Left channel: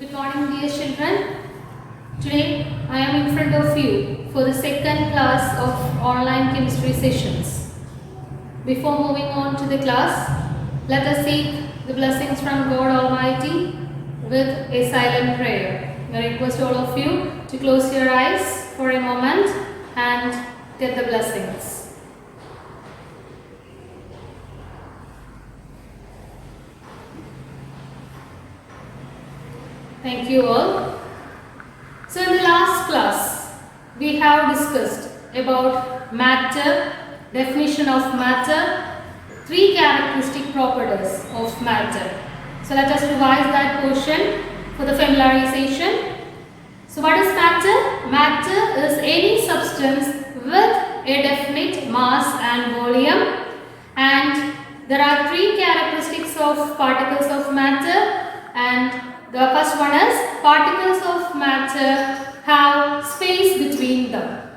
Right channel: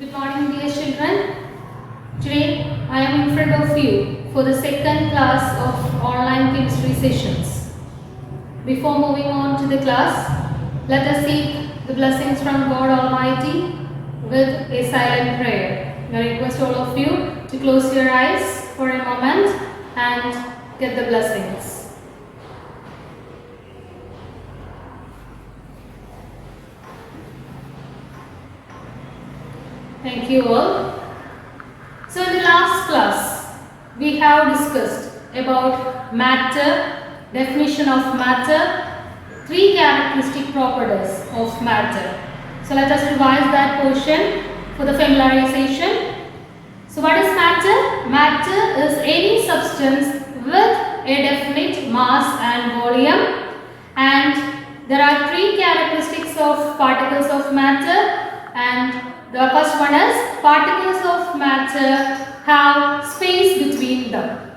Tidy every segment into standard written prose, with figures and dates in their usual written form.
Good morning, dear children. Today I am in front of you for the second class of online chemistry sessions. Before moving on to the class, let us seek the blessings from God Almighty with a silent prayer. I request all of you to close your eyes for a moment and get the blessings. Thank you all. So in the last class, we have discussed about matter, definition of matter, three characteristic properties of matter. So let us revise that portion for the familiarization. So what is matter? Matter is any substance with a definite mass and volume, and there are three characteristics of particles of matter, and the first one is particles of matter have space between them.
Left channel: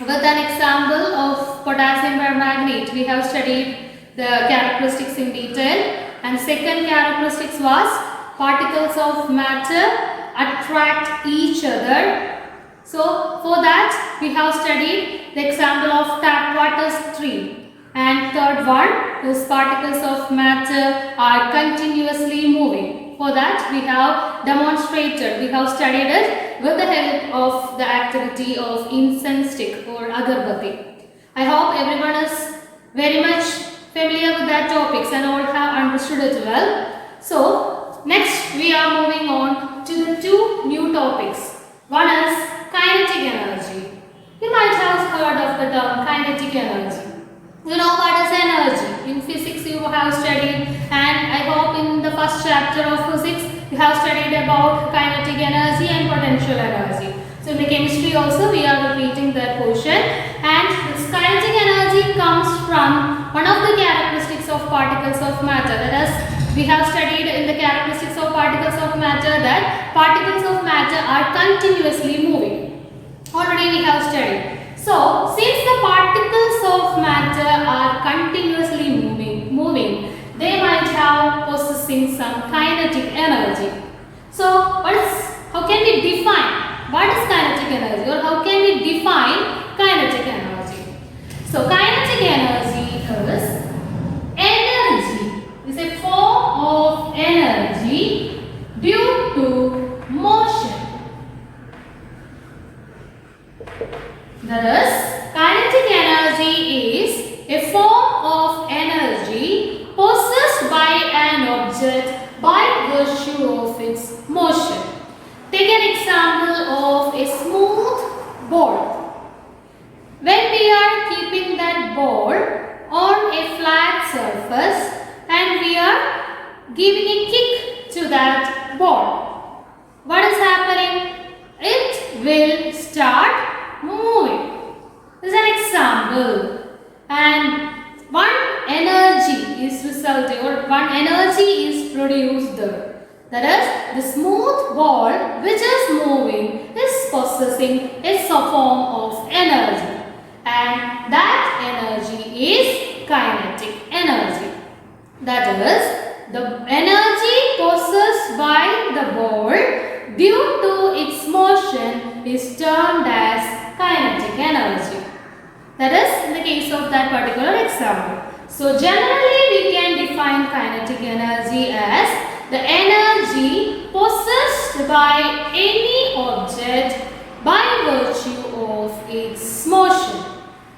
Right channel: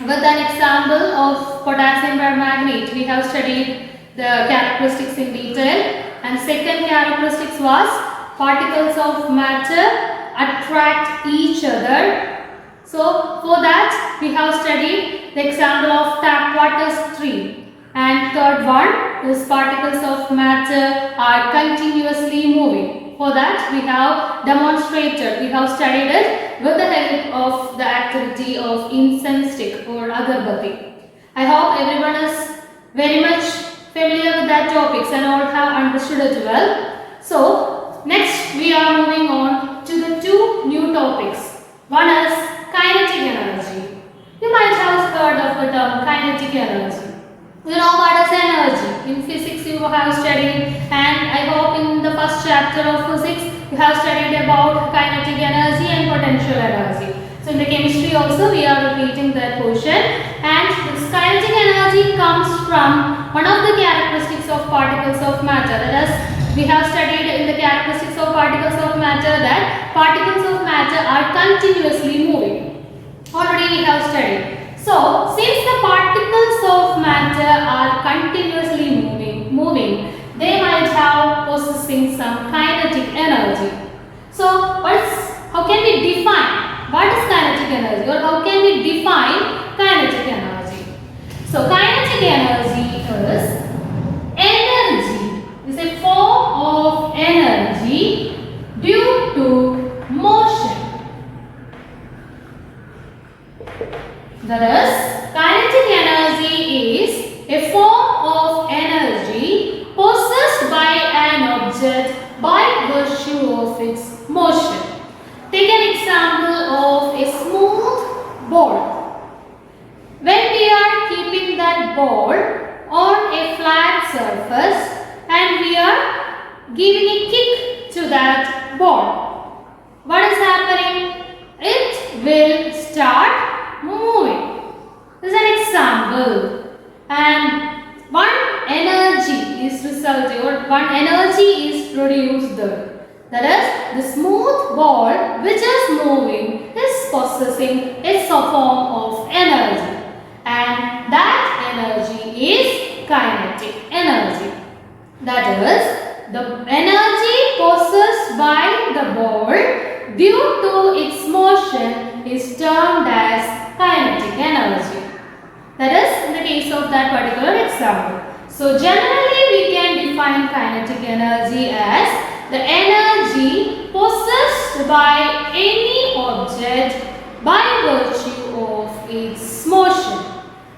With an example of potassium permanganate, we have studied the characteristics in detail, and second characteristics was particles of matter attract each other. So for that we have studied the example of tap water stream, and third one is particles of matter are continuously moving. For that we have demonstrated, we have studied it with the help of the activity of incense stick or agarbatti. I hope everyone is very much familiar with that topics and all have understood it well. So next we are moving on to the two new topics. One is kinetic energy. You might have heard of the term kinetic energy. You know what is energy. In physics you have studied, and I hope in the first chapter of physics you have studied about kinetic energy and potential energy. So in the chemistry also we are repeating that portion, and this kinetic energy comes from one of the characteristics of particles of matter. That is, we have studied in the characteristics of particles of matter that particles of matter are continuously moving. Already we have studied. So, since the particles of matter are continuously moving, they might have possessing some kinetic energy. So, how can we define what is kinetic energy, or how can we define kinetic energy? So, kinetic energy is a form of energy due to motion. That is, kinetic energy is a form of energy possessed by an object by virtue of its motion. Take an example of a smooth ball. When we are keeping that ball on a flat surface and we are giving a kick to that ball, what is happening? It will start moving. This is an example, and one energy is resulting, or one energy is produced there. That is, the smooth ball which is moving is possessing a form of energy, and that energy is kinetic energy. That is, the energy possessed by the ball due to its motion is termed as kinetic energy. That is in the case of that particular example. So generally we can define kinetic energy as the energy possessed by any object by virtue of its motion.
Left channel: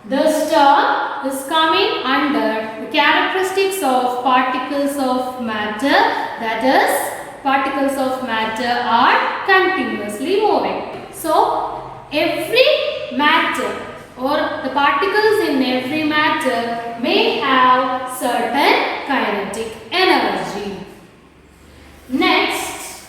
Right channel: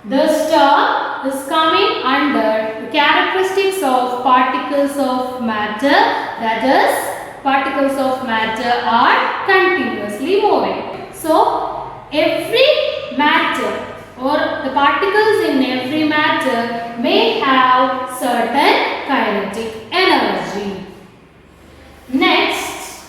This term is coming under the characteristics of particles of matter, that is, particles of matter are continuously moving. So, every matter or the particles in every matter may have certain kinetic energy. Next,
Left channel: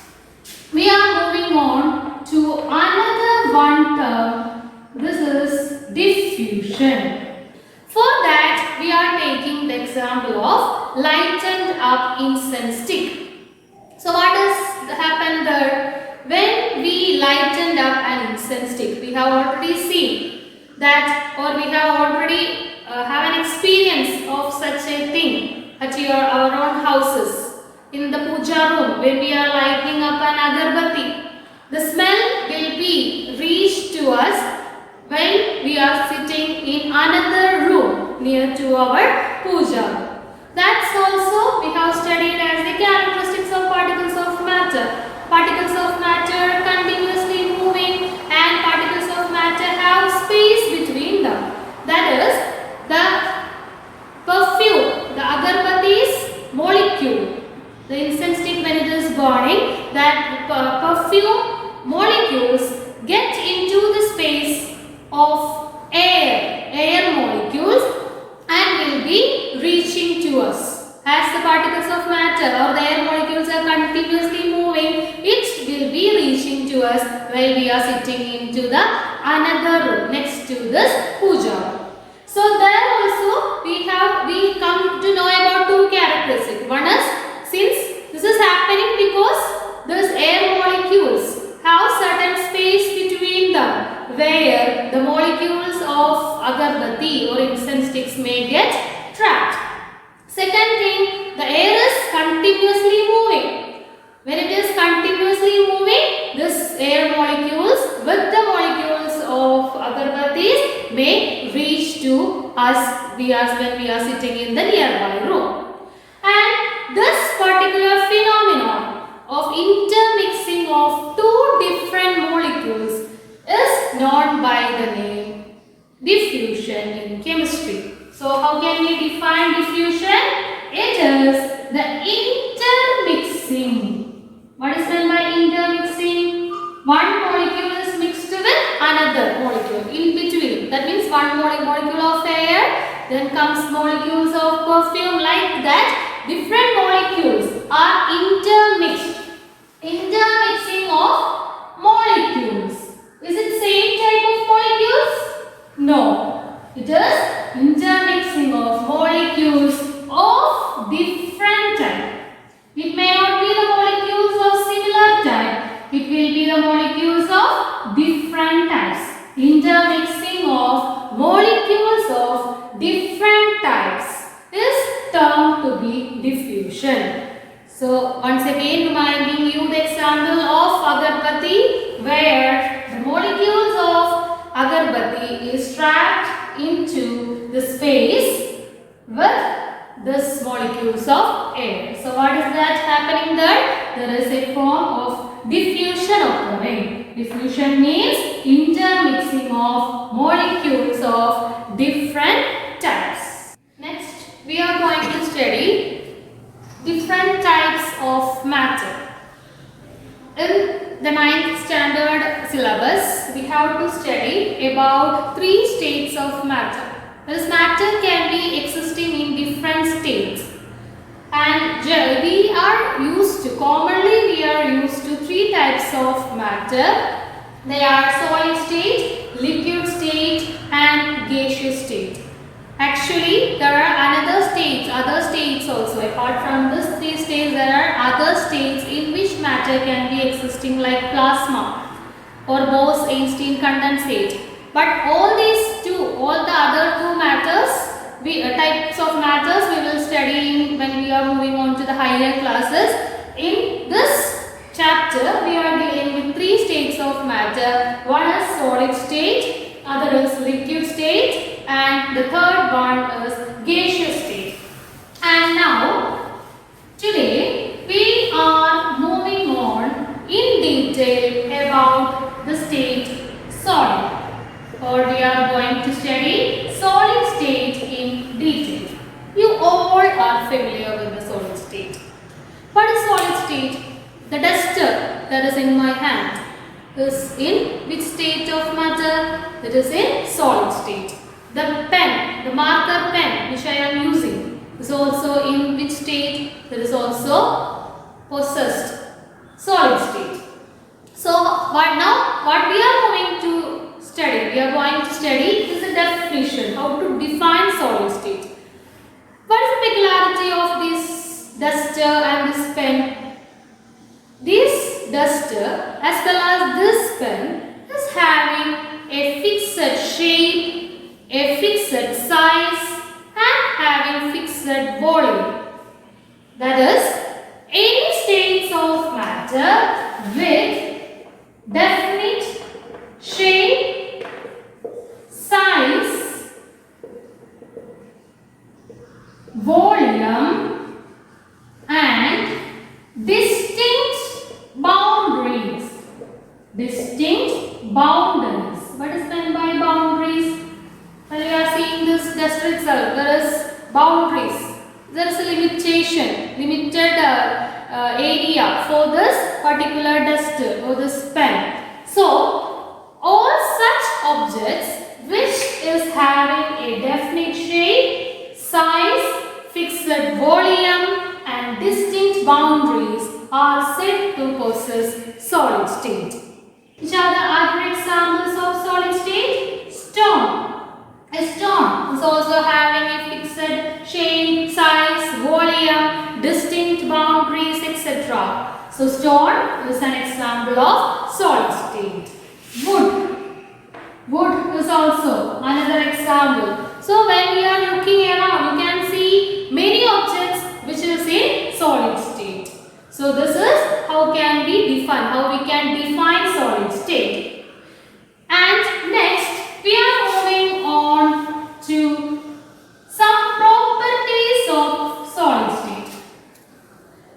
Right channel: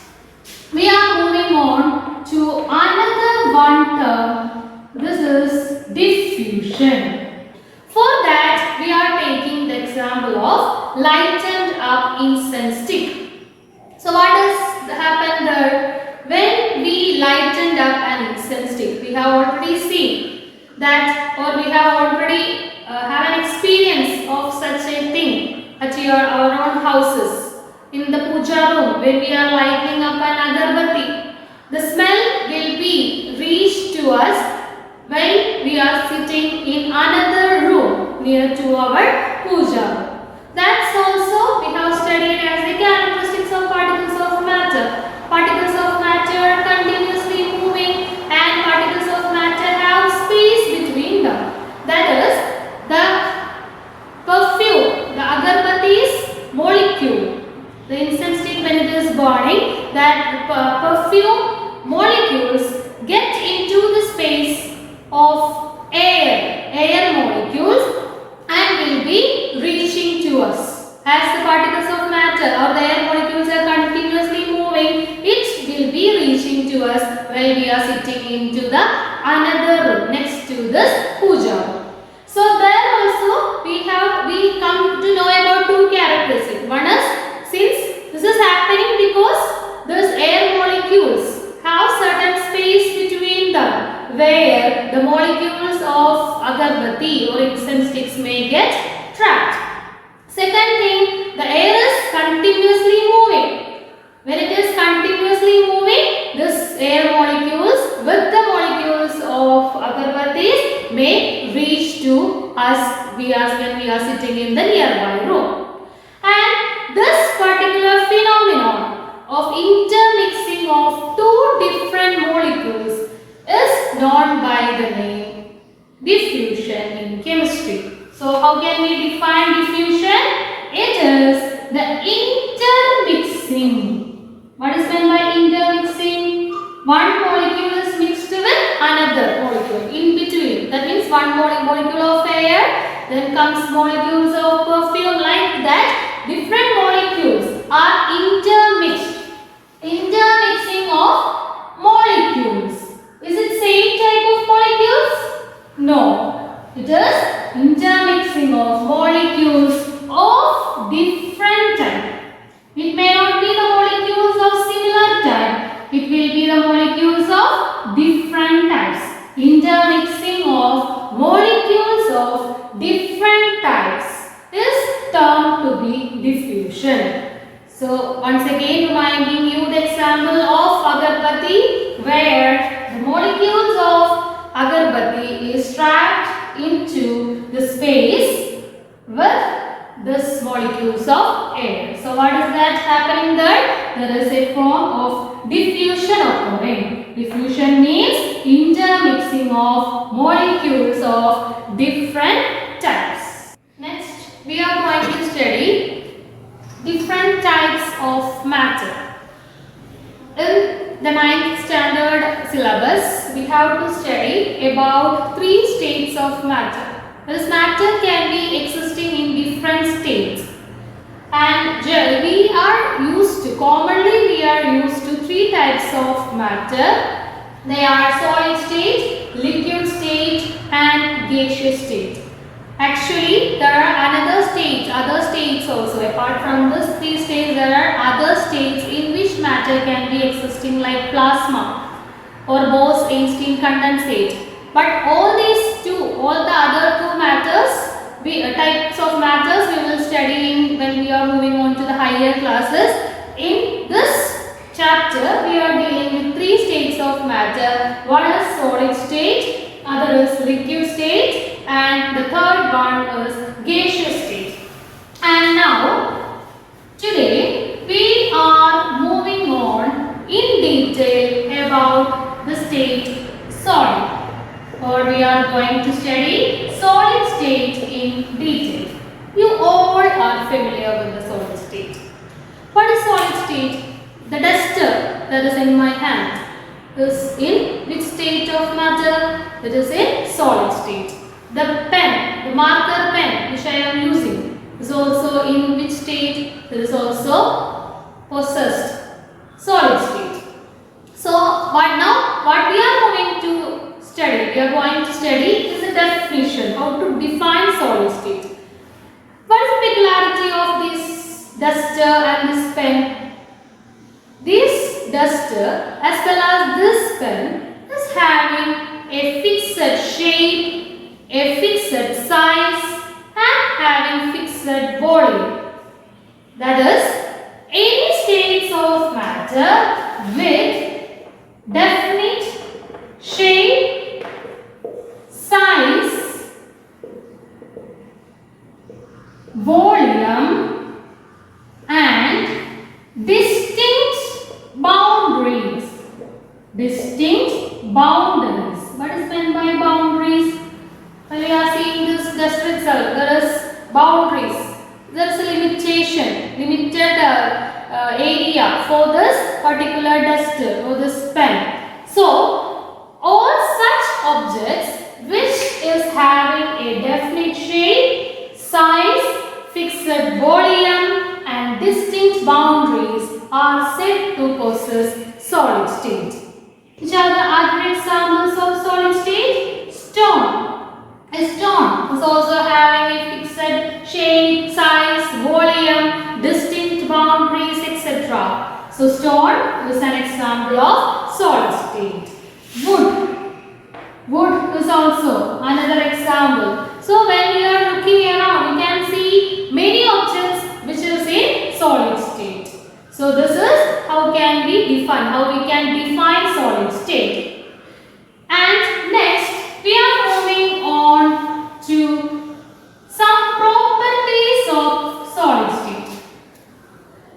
we are moving on to another one term. This is diffusion. For that, we are taking the example of lightened up incense stick. So what has happened there? When we lightened up an incense stick, we have already seen that, or we have already have an experience of such a thing at our own houses. In the puja room, when we are lighting up an agarbatti, The smell will be reached to us when we are sitting in another room near to our puja. That's also we have studied as the characteristics of particles of matter. Particles of matter continuously moving and particles of matter have space between them. That is the perfume, the agarbati's molecule. The incense stick when it is burning, that perfume molecules get into the space of air molecules and will be reaching to us. As the particles of matter or the air molecules are continuously moving, it will be reaching to us while we are sitting into the another room next to this puja. So there also we come to know about two characteristics. One is, since this is happening because these air molecules have certain space between them where the molecules of agarbatti or incense sticks may get trapped. Second thing, the air is continuously moving. When it is continuously moving, this air molecules with the molecules of agarbattis may reach to us when we are sitting in the nearby room. And this particular phenomenon of intermixing of two different molecules is known by the name diffusion in chemistry. So how can we define diffusion? It is the intermixing. What is meant by intermixing? One molecule is mixed with another molecule in between. That means one molecule of air, then comes molecules of perfume, like that. Different molecules are intermixed. Intermixing of molecules. Is it same type of molecules? No. It is intermixing of molecules of different type. It may not be the molecules of similar type. It will be the molecules of different types. Intermixing of molecules of different types is termed to be diffusion. So once again reminding you the example of agarbatti, where the molecules of agarbatti is trapped into the space with this molecules of air. So what is that happening there? There is a form of diffusion occurring. Diffusion means intermixing of molecules of different types. Next, we are going to study different types of matter. In the 9th standard syllabus, we have to study about 3 states of matter. This matter can be existing in different states, and commonly we are used to 3 types of matter. They are solid state, liquid state and gaseous state. Actually, there are other states also. Apart from these 3 states, there are other states in which matter can be existing, like plasma or Bose-Einstein condensate. But all the other 2 matters, types of matters, we will study when we are moving on to the higher classes. In this chapter, we are dealing with 3 states of matter. One is solid state, other is liquid state, and the third one is gaseous state. And now, today we are moving on in detail about the state solid, or we are going to study solid state in detail. You all are familiar with the solid state. What is solid state? The duster that is in my hand is in which state of matter? It is in solid state. The pen, the marker pen which I am using, is also in which state? It is also possessed solid state. So what we are going to study? We are going to study is a definition, how to define solid state. What is the peculiarity of this duster and this pen? This duster as well as this pen is having a fixed shape, a fixed size and having fixed volume. That is, any states of matter with definite shape, size, volume and distinct boundaries. Distinct boundaries. What is meant by boundaries? When we are seeing this duster itself, there is boundaries. There is a limited area for this particular duster or this pen. So, all such objects which is having a definite shape, size, fixed volume and distinct boundaries are said to possess solid state. Which are the other examples of solid state? Stone. A stone is also having a fixed shape, size, volume, distinct boundaries, etc. So, stone is an example of solid state. Wood. Wood is also another example. So, when you are looking around, you can see many objects which is in solid state. So, this is how we can define solid state. And next, we are moving on to some properties of solid state.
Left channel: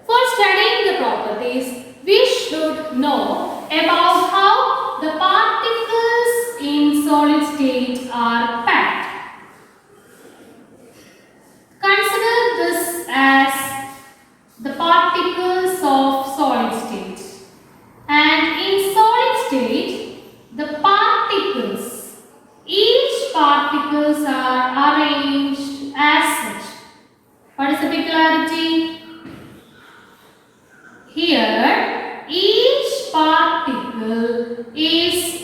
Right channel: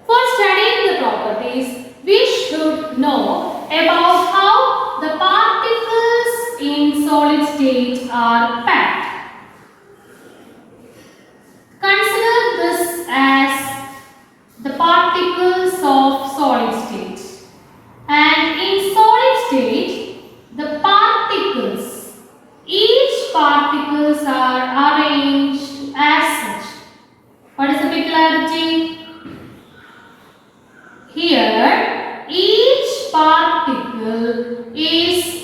For studying the properties, we should know about how the particles in solid state are packed. Consider this as the particles of solid state. And in solid state, the particles, each particles are arranged as such. What is the peculiarity? Here, each particle is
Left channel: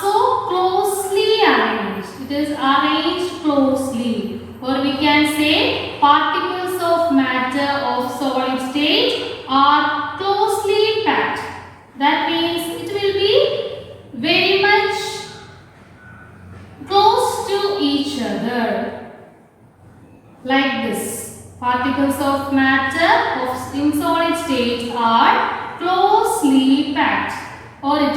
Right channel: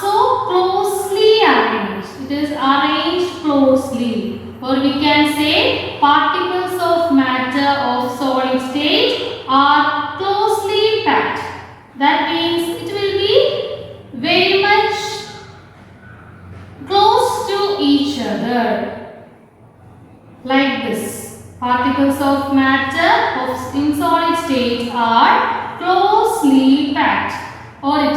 so closely arranged. It is arranged closely. Or we can say particles of matter of solid state are closely packed. That means it will be very much close to each other. Like this. Particles of matter in solid state are closely packed. Or it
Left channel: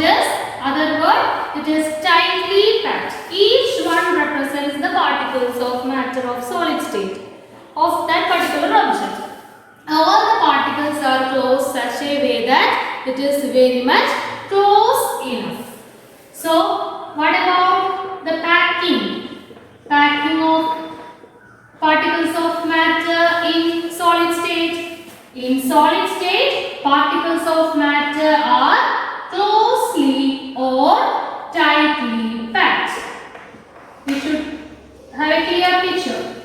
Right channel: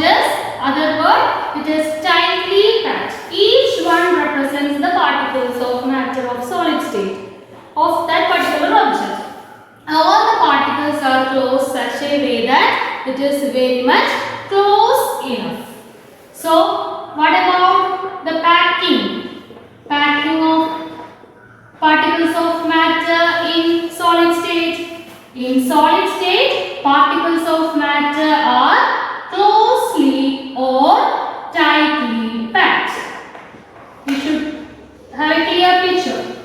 is tightly packed. Each one represents the particles of matter of solid state of that particular object. All the particles are close such a way that it is very much close enough. So, what about the packing? Packing of particles of matter in solid state. In solid state, particles of matter are closely or tightly packed. We should have a clear picture.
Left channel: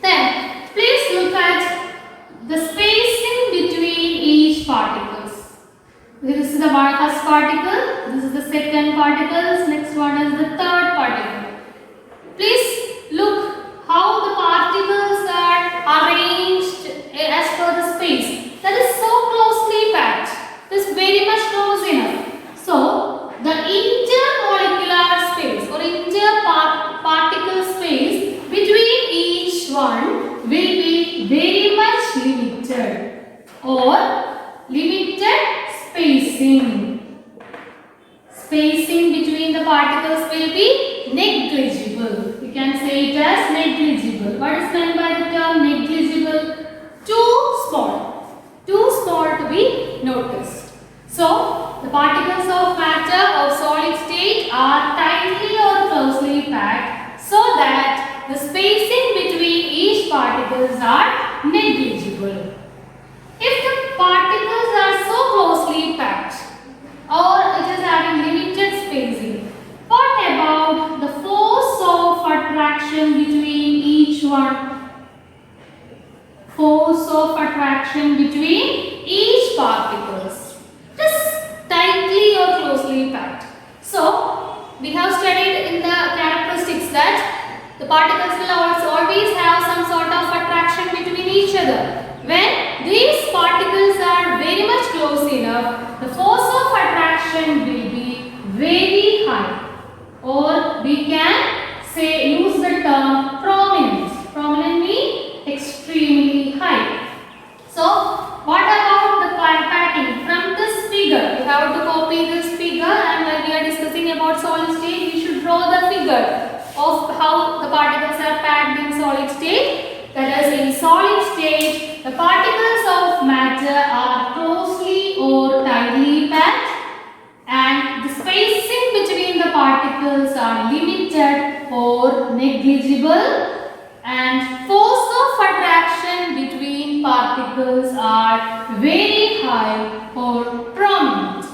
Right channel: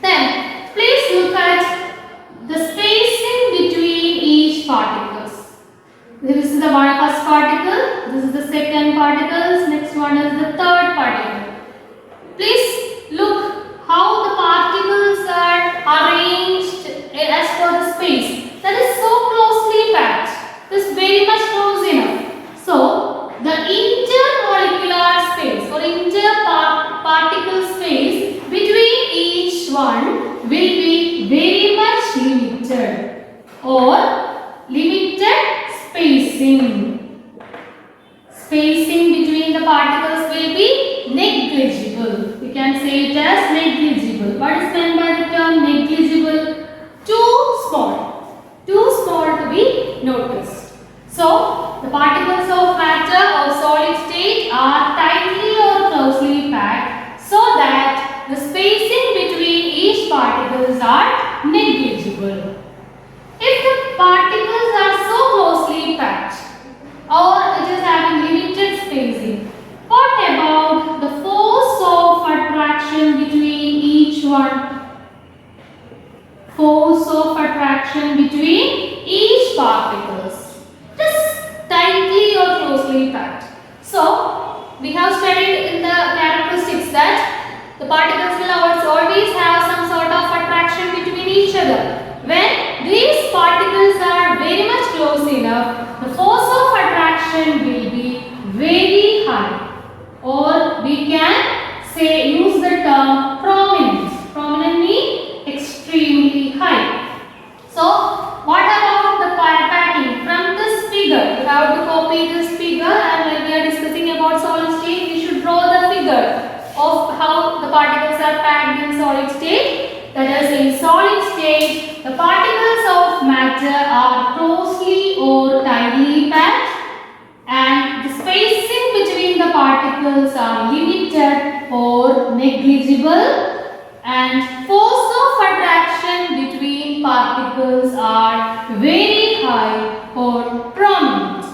Then, please look at the spacing between each particles. This is the first particle, this is the second particle, next one is the third particle. Please look how the particles are arranged as per the space. That is so closely packed. It is very much close enough. So, the intermolecular space or interparticle space between each one will be very much limited or limited spacing. Spacing between the particles will be negligible. We can say it as negligible. What is meant by the term negligible? Too small. Too small to be noticed. So, the particles of matter of solid state are tightly or closely packed so that the spacing between each particles are negligible. If the particles are so closely packed or it is having limited spacing, what about the force of attraction between each one? Force of attraction between each particles. Just tightly or closely packed. So, we have studied in the characteristics that the particles will always have some sort of attraction between each other. When these particles are very much close enough, the force of attraction will be very high. Or we can say use the term prominence. Prominent means extremely high. So, what about the packing? From this figure, you have to copy this figure and figure of how the particles are packed in solid state. That is, in solid state, the particles of matter are closely or tightly packed, and the spacing between the particles are limited or negligible, and force of attraction between particles are very high or prominent.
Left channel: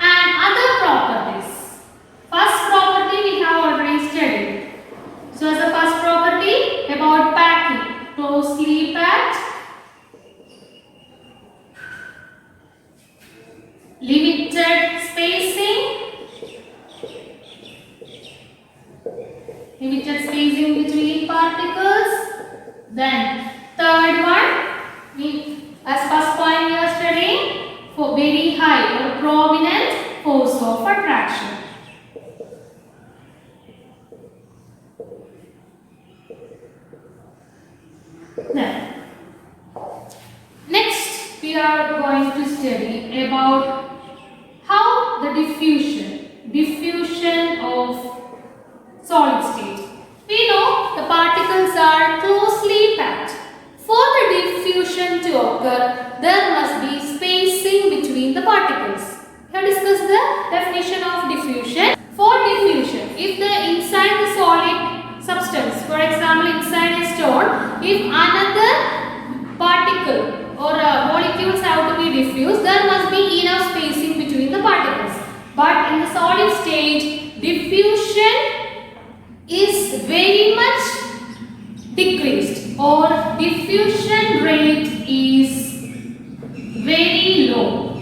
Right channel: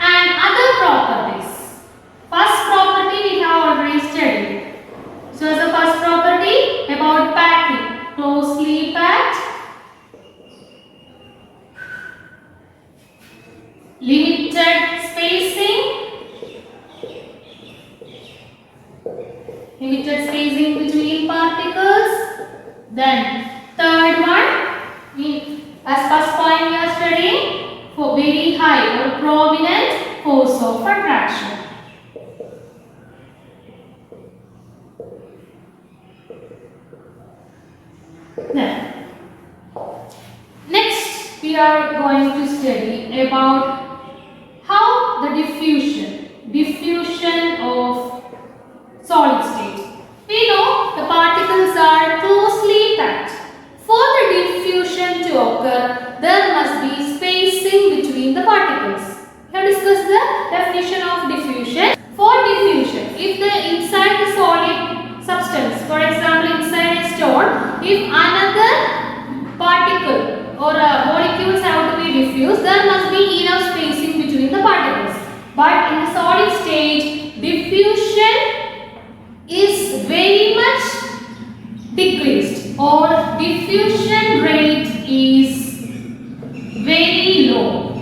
And other properties. First property we have already studied. So as the first property about packing, closely packed, limited spacing between particles. Then third one, as first point we are studying, for very high or prominent force of attraction. Then next we are going to study about how the diffusion of solid state. We know the particles are closely packed. For the diffusion to occur, there must be spacing between the particles. We have discussed the definition of diffusion. For diffusion, if the inside the solid substance, for example inside a stone, if another particle or molecules have to be diffused, there must be enough spacing between the particles. But in the solid state, diffusion is very much decreased, or diffusion rate is very low,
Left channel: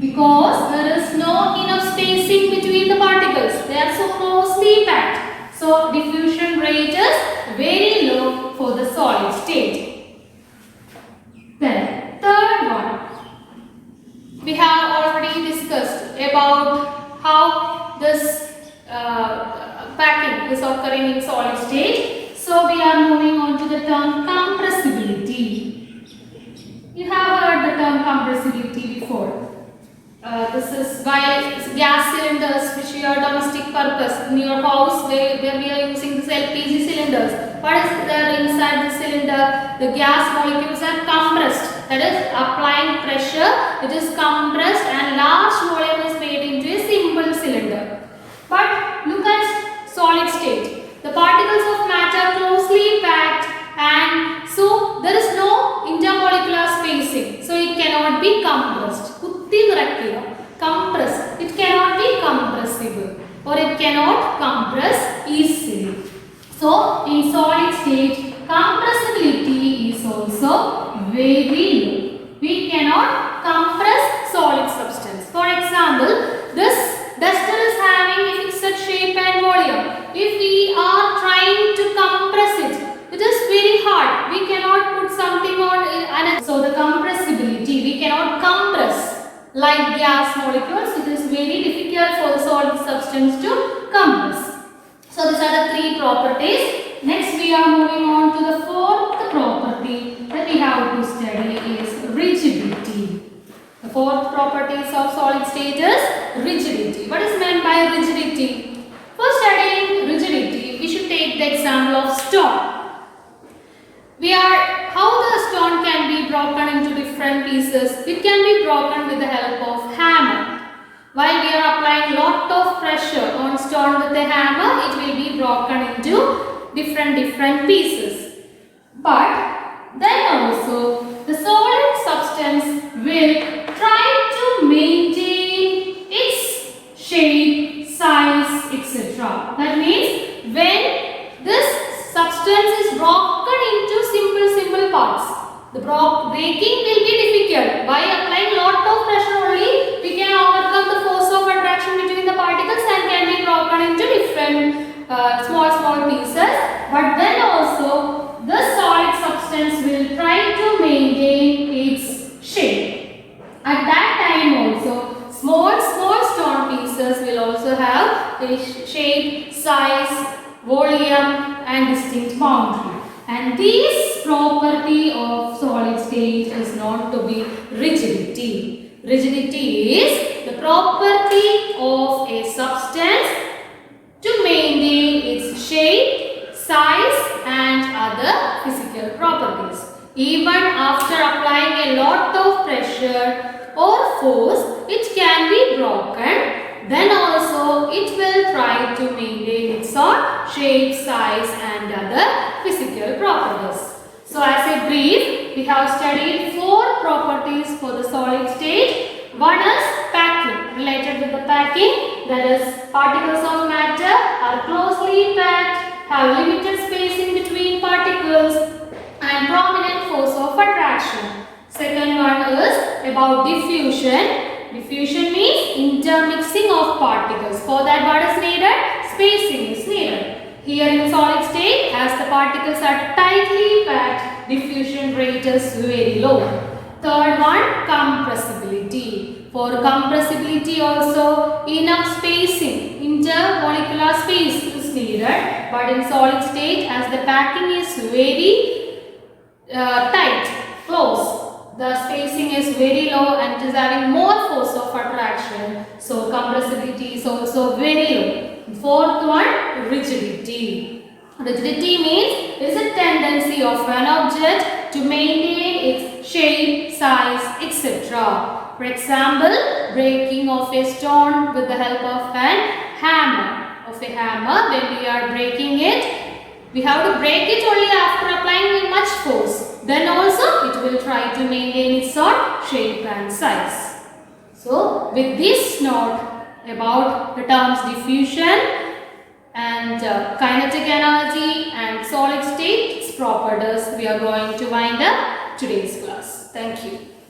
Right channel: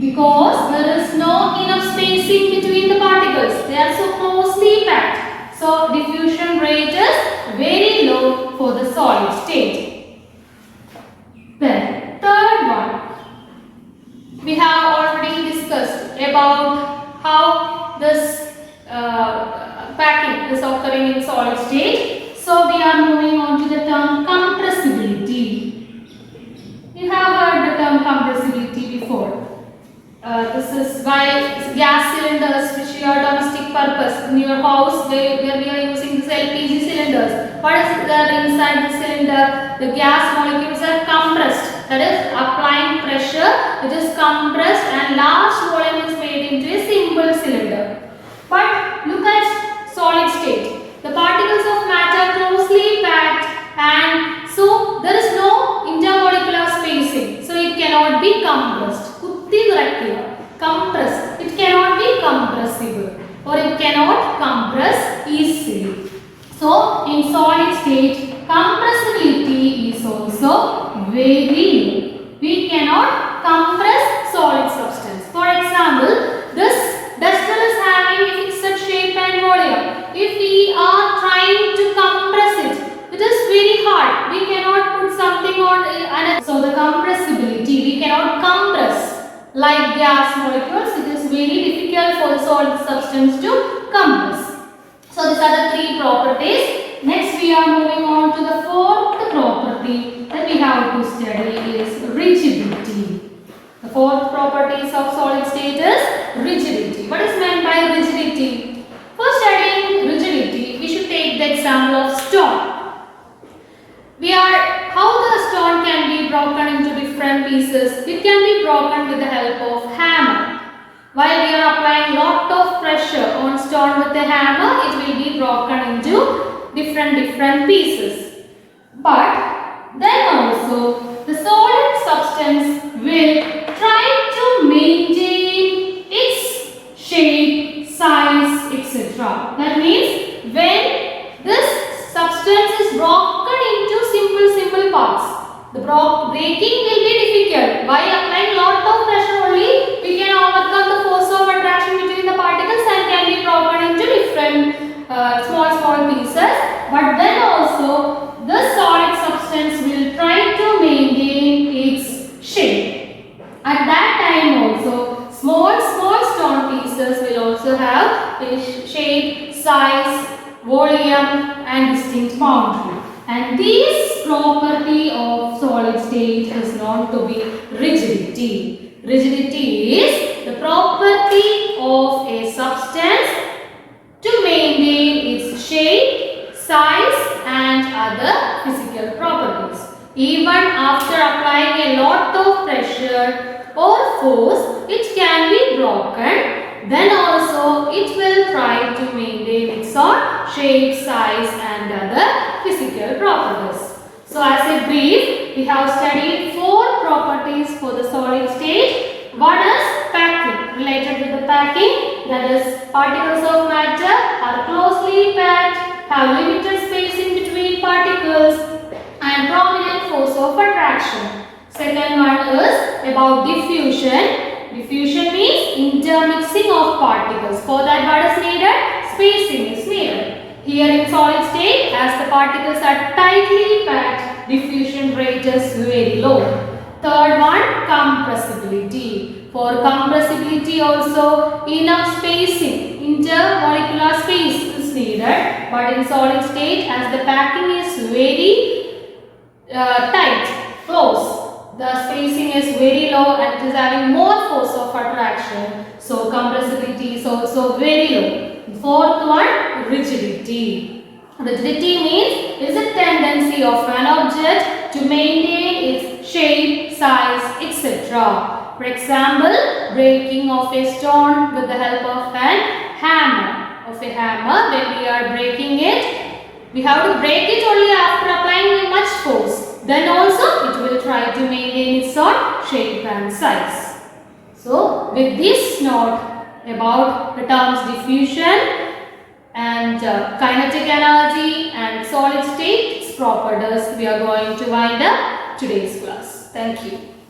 because there is no enough spacing between the particles. They are so closely packed. So diffusion rate is very low for the solid state. Then third one, we have already discussed about how this packing is occurring in solid state. So we are moving on to the term compressibility. You have heard the term compressibility before. This is why gas cylinders which we are domestic purpose in your house, where we are using this LPG cylinders. What is there inside the cylinder? The gas molecules are compressed. That is, applying pressure, it is compressed and large volume is made into a simple cylinder. But look at solid state. The particles of matter closely packed, and so there is no intermolecular spacing. So it cannot be compressed. Compress. It cannot be compressible, or it cannot compress easily. So in solid state, compressibility is also very low. We cannot compress solid substance. For example, this duster is having a fixed shape and volume. If we are trying to compress it, it is very hard. We cannot put something on it. So the compressibility, we cannot compress. Like gas molecules, it is very difficult for the solid substance to compress. So these are the three properties. Next we are moving on to the fourth property that we have to study is rigidity. The fourth properties of solid state is rigidity. What is meant by rigidity? For studying rigidity, we should take the example of stone. How the stone can be broken into different pieces. It can be broken with the help of hammer. While we are applying lot of pressure on stone with a hammer, it will be broken into different pieces. But then also the solid substance will try to maintain its shape, size, etc. That means when this substance is broken into simple parts, the breaking will be difficult. By applying lot of pressure only, we can overcome the force of attraction between the particles and can be broken into different small pieces. But then also the solid substance will try to maintain its shape. At that time also, small stone pieces will also have a shape, size, volume and distinct boundary. And this property of solid state is known to be rigidity. Rigidity is the property of a substance other physical properties. Even after applying a lot of pressure or force, it can be broken. Then also it will try to maintain its own shape, size and other physical properties. So as a brief, we have studied 4 properties for the solid state. One is packing. Related with the packing, that is particles of matter are closely packed, have limited spacing between particles and prominent force of attraction. Second one is about diffusion. Diffusion means intermixing of particles. For that what is needed? Spacing is needed. Here in solid state, as the particles are tightly packed, diffusion rate is very low. Third one, compressibility. For compressibility also, enough spacing, intermolecular space is needed. But in solid state, as the packing is very tight, close, the spacing is very low and it is having more force of attraction. So compressibility is also very low. Fourth one, rigidity. Rigidity means is a tendency of an object to maintain its shape, size, etc. For example, breaking of a stone with the help of an hammer. When we are breaking it, we have to break it only after applying much force. Then also it will try to maintain its own shape and size. So with this note about the terms diffusion and kinetic energy and solid state properties, we are going to wind up today's class. Thank you.